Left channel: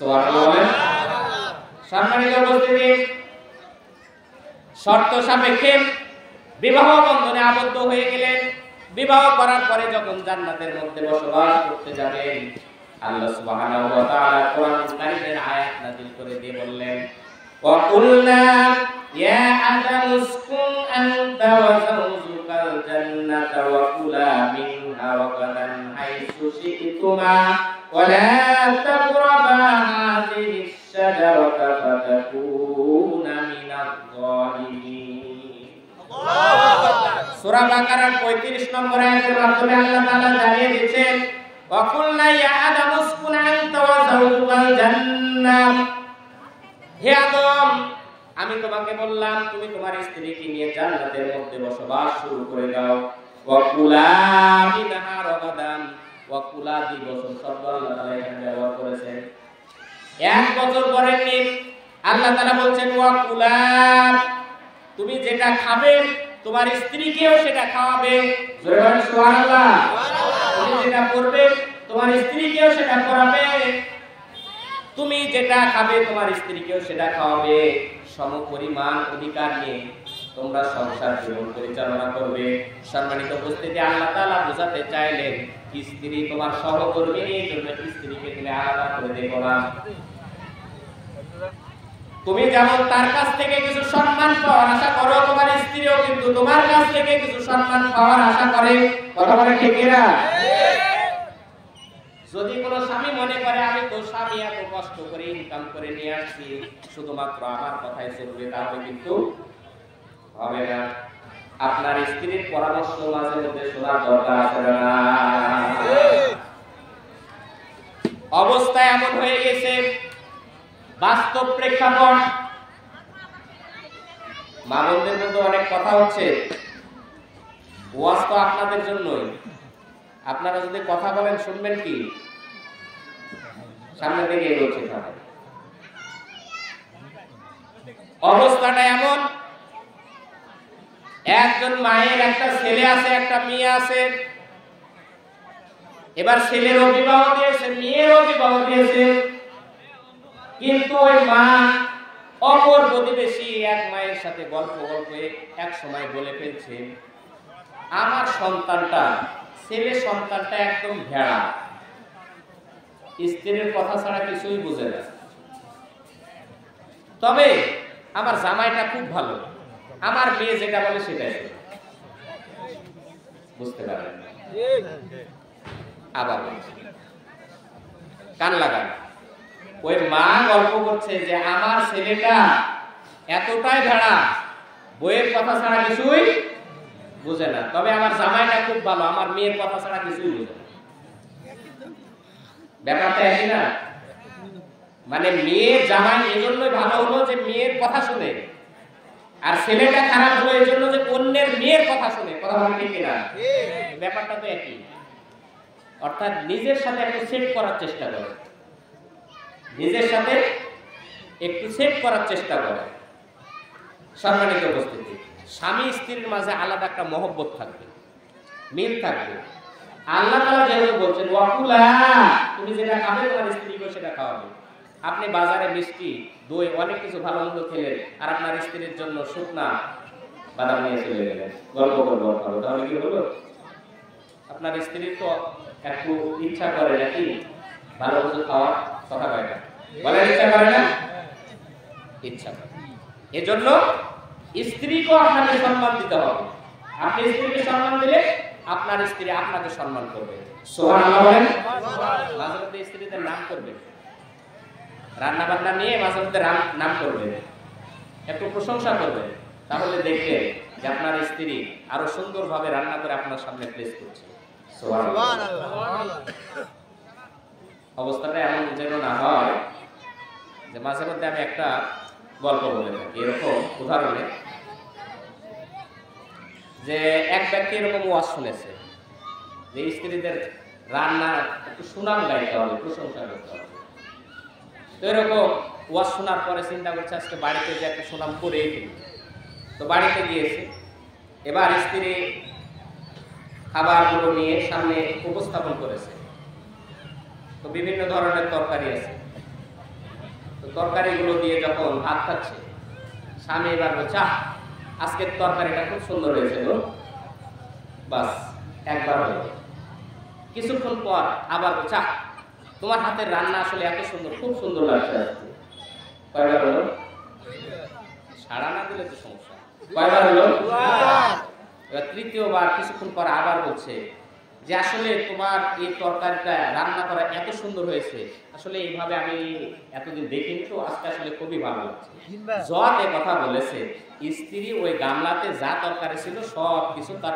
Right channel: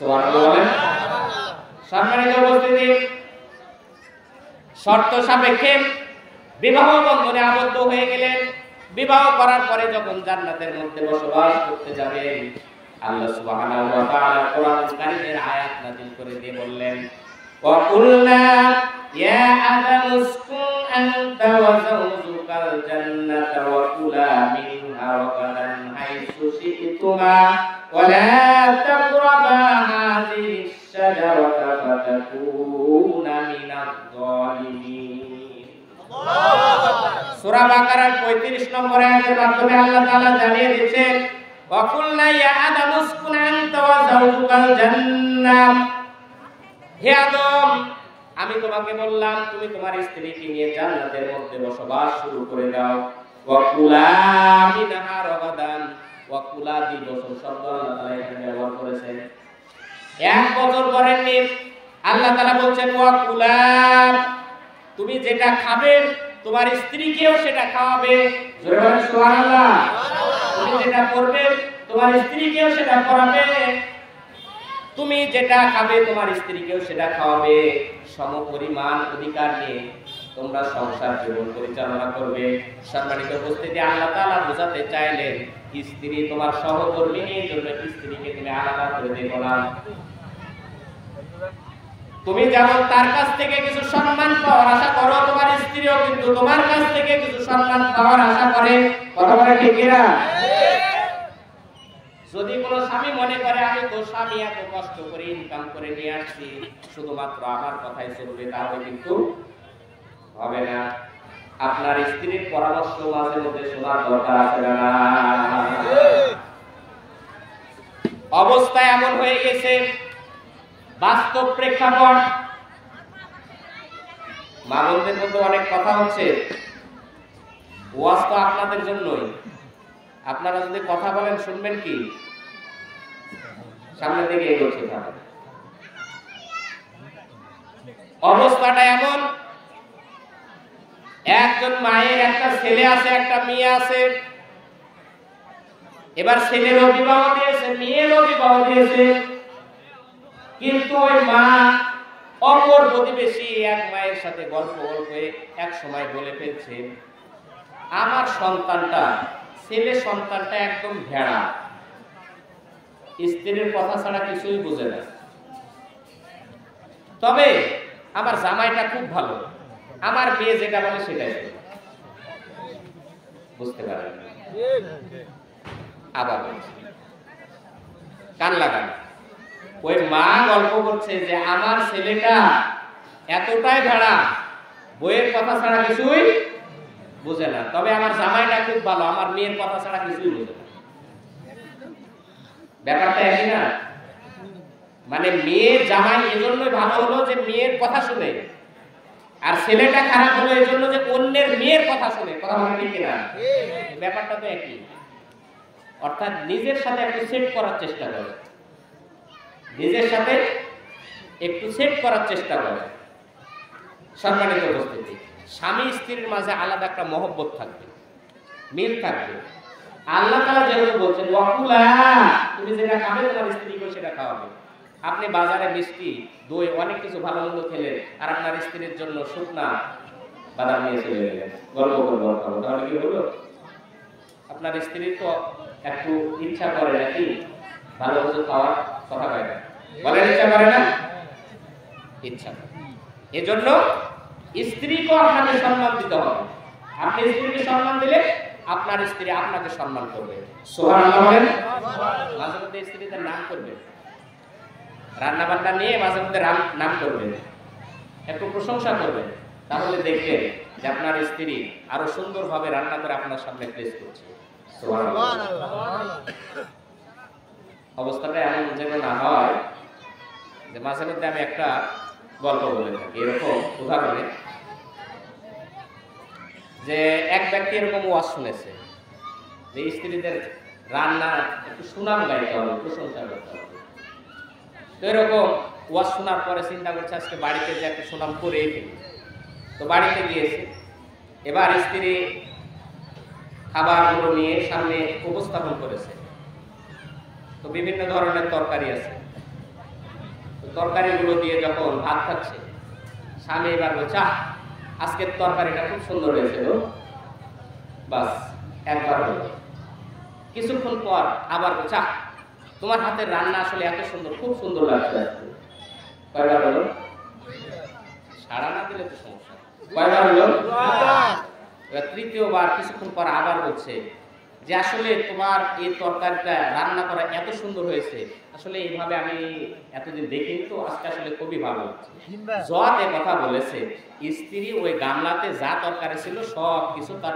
সুবহানাল্লাহ বলেন। সম্মানিত উপস্থিতি, শর্ত সাপেক্ষে বিবাহ বন্ধনে আবদ্ধ হয়ে গেলেন। বিবাহ করার পরে যখন জান্নাতের মধ্যে বসবাস করতে যাবেন, আল্লাহ সুবহানাহু ওয়া তাআলা কোরআন কারীমের আয়াত নাযিল করে দিয়ে বললেন, ওয়া কুল্লা ইয়া আদামু উসকুন আনতা ওয়া যাওজুকাল জান্নাতা ওয়া কুলা মিনহা রাগাদান হাইসু শি'তুমা ওয়া লা তাকরাবা হাযিহিশ শাজারাতা ফাতাকুনা মিনাজ যালিমিন। সূরা বাকারার 35 নম্বর আয়াতের মাধ্যমে আল্লাহ তাআলা জানিয়ে দিয়েছেন, ওয়া কুল্লা ইয়া আদামু উসকুন আনতা ওয়া যাওজুকাল জান্নাহ, হে আদম, আমি তোমাকে বললাম তুমি তোমার স্ত্রীকে নিয়ে জান্নাতের মধ্যে বসবাস শুরু করে দাও। ওয়া কুলা মিনহা রাগাদান, ওয়া কুলা বছর শব্দ আল্লাহ তাআলা এখানে ব্যবহার করেছেন। এক বছর করেননি, আল্লাহ তাআলা বলছেন ওয়া কুলা, তুমি যেটা খাবে তোমার স্ত্রীকেও সেটা খাওয়াবে। জোরে বলেন সুবহানাল্লাহ। তুমি যেটা পরবে তোমার স্ত্রীকেও সেটা পরাবে, তুমি যেটা খাবে তোমার স্ত্রীকেও সেটা খাওয়াবে। সমপরিমাণ অধিকার নিয়ে তোমরা সংসার জীবন পরিচালনা করবে। সম্মানিত উপস্থিতি, আল্লাহ তাআলা বোঝাতে চাইলেন স্ত্রী তোমার সহকর্মীর জন্য স্ত্রীকে তুমি আলাদা করে দেখো না। তুমি যেমন তার কাছ থেকে কিছু সম্মান পাওয়ার আশা করো, তোমার স্ত্রীও কিন্তু তোমার কাছ থেকে কিছু সম্মান পাওয়ার আশা করে। কথা বলে ঠিক কিনা? যদি কোনো স্বামী মনে করে আমি তো স্বামী এত কষ্ট করে ইনকাম করে নিয়ে আসছি, শুধুমাত্র আমার কথাই চলবে, তাহলে কিন্তু হবে না। আপনার স্ত্রীর পরামর্শ মাঝে মধ্যে শোনার দরকার আছে না? অবস্থা এমন হয়ে গেছে, বাস্তব প্রেক্ষাপট, মা বোনদের মধ্যে অনেক কথা হচ্ছে, ওয়াজ তো আপনাদের জন্যই। আপনারা যদি কথা বলেন শুনবেন কি? সামনের দিকে এগোচ্ছে। অবস্থাটা এমন, একজন মায়ের একটা ছেলে আছে, একটা মেয়ে আছে। এবার ছেলেরও বিবাহ দিয়েছে, মেয়েরও বিবাহ দিয়েছে, কিন্তু ওই মা অপর প্রতিবেশী এক মায়ের সাথে গল্প এক সময় বলে ফেলছে, আমার সন্তানটা, ছেলে সন্তানটা একদম ভেড়া, স্ত্রীর কথা ছাড়া কিছুই বোঝে না, তবে আমার জামাইটা খুব ভালো, আমার মেয়ে যেটা বলে সেটাই বুঝতে পারে। আবার বলছে, কান লাগান, ওই মা গল্প করছে যে আমার ছেলেটা এতটাই ভেড়া, বইয়ের কথা ছাড়া কিছুই বুঝে না, তবে আমার জামাইটা খুব ভালো, আমার মেয়ের কথা ছাড়া কিছুই বুঝে না। ব্যাপারটা একই না? মানে মেয়ের জামাই এজন্যই ভালো হলো যে মেয়ের কথা শুনে, আর ছেলেটা খারাপ হলো এজন্য যে অন্যের মেয়ের কথা শুনে। কথা বলে ঠিক কিনা? ব্যাপারটা তো একই। অর্থাৎ নিজের সাথে একটু সেট করার চেষ্টা করে, নিজের সাথে একটু সেট করার চেষ্টা করে। সম্মানিত উপস্থিতি, স্বামী স্ত্রীর মাঝে আলাদা একটা মহব্বত থাকবে, মিল থাকবে। আল্লাহ তাআলা যেহেতু বলছেন ওয়াকুলা, তুমি যেটা খাবে তোমার স্ত্রীকে সেটা খাওয়াবে। আপনি বাজারে মিষ্টি, দই, অনেক কিছু ভালো মন্দ খেলেন, আর আপনার স্ত্রীর জন্য শুকনা বাদাম নিয়ে চলে গেলেন, গল্প করবো, তাহলে কি হলো? আপনার স্ত্রী তো একটু ইচ্ছা করে নাকি ভালো কিছু খাওয়ার? কথা কয় না, বলেন ইচ্ছা করে না? ইচ্ছা করে। এজন্য স্ত্রীকেও আপনাকে সম্মান দিতে হবে। আপনি স্ত্রীকে সম্মান দিলে আপনার স্ত্রী আপনাকে সম্মান করবে। সুবহানাল্লাহ বলেন। মাঝে মধ্যে স্ত্রীদের নাম করবেন, রান্না বান্না নিয়ে মাঝে মধ্যে নাম করবেন, একটু প্রশংসা করবেন, তাহলে দেখবেন যে আপনার স্ত্রী আরো সুন্দরভাবে রান্না করে আপনার সামনে প্লেস করছে। সুবহানাল্লাহ। অবস্থাটা এমন যেন না হয় যে মাঝে মধ্যে আমি একটা গল্প বলে থাকি এরকম উদাহরণে, যে এক ব্যক্তি এরকম ওয়াজ শুনেছে যে স্ত্রীদের রান্না একটু সুনাম গাইতে হবে, প্রশংসা করতে হবে। তো এরকম ওয়াজ শোনার পরে চিন্তা করছে আজকে বাড়িতে যে একটা সুনাম করেই ফেলি। তো বাড়িতে গিয়েছে, এবার স্ত্রী খাবারগুলো নিয়ে সামনে উপস্থাপন করেছে। তো বিভিন্ন ধরনের তরকারি আছে, তরকারিগুলো দিয়ে যখন ভাত খাচ্ছে, স্বামী এবার বলছে, আহ, আজকের তরকারিটা খুব সুন্দর হয়েছে গো। বাস একবার হলো। কিছুক্ষণ পর আবার বলছে, আহ, তোমার হাতের রান্না আসলে এত সুন্দর, খুব সুন্দর লাগছে আজকে। কয়বার হলো? সাড়া না দিলে তো সমস্যা। কয়বার হলো? এবার তৃতীয়বার কিছুক্ষণ পর আবার বলছে যে আসলে তোমার এই তরকারিটা রান্না করা এত সুন্দর হয়েছে, আসলে এইভাবে আমি এতদিন দেখিনি, তো আজকে আসলে খুবই ভালো লাগছে। যত এ কথা বলেছে, স্ত্রী ওই গামলাতে যা তরকারি ছিল সব কিছু তার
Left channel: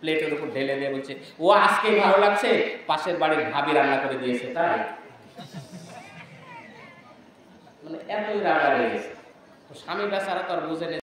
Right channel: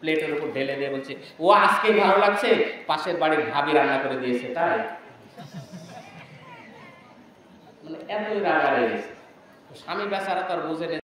প্লেটের উপর ঢেলে দিয়ে বলছে, ও আজকেই ভালো লাগছে, পাশের বাড়ির ভাবি রান্না করে দিয়েছে তাই। মানে এতই রাগারে স্বামী বেচারা তো আর বুঝে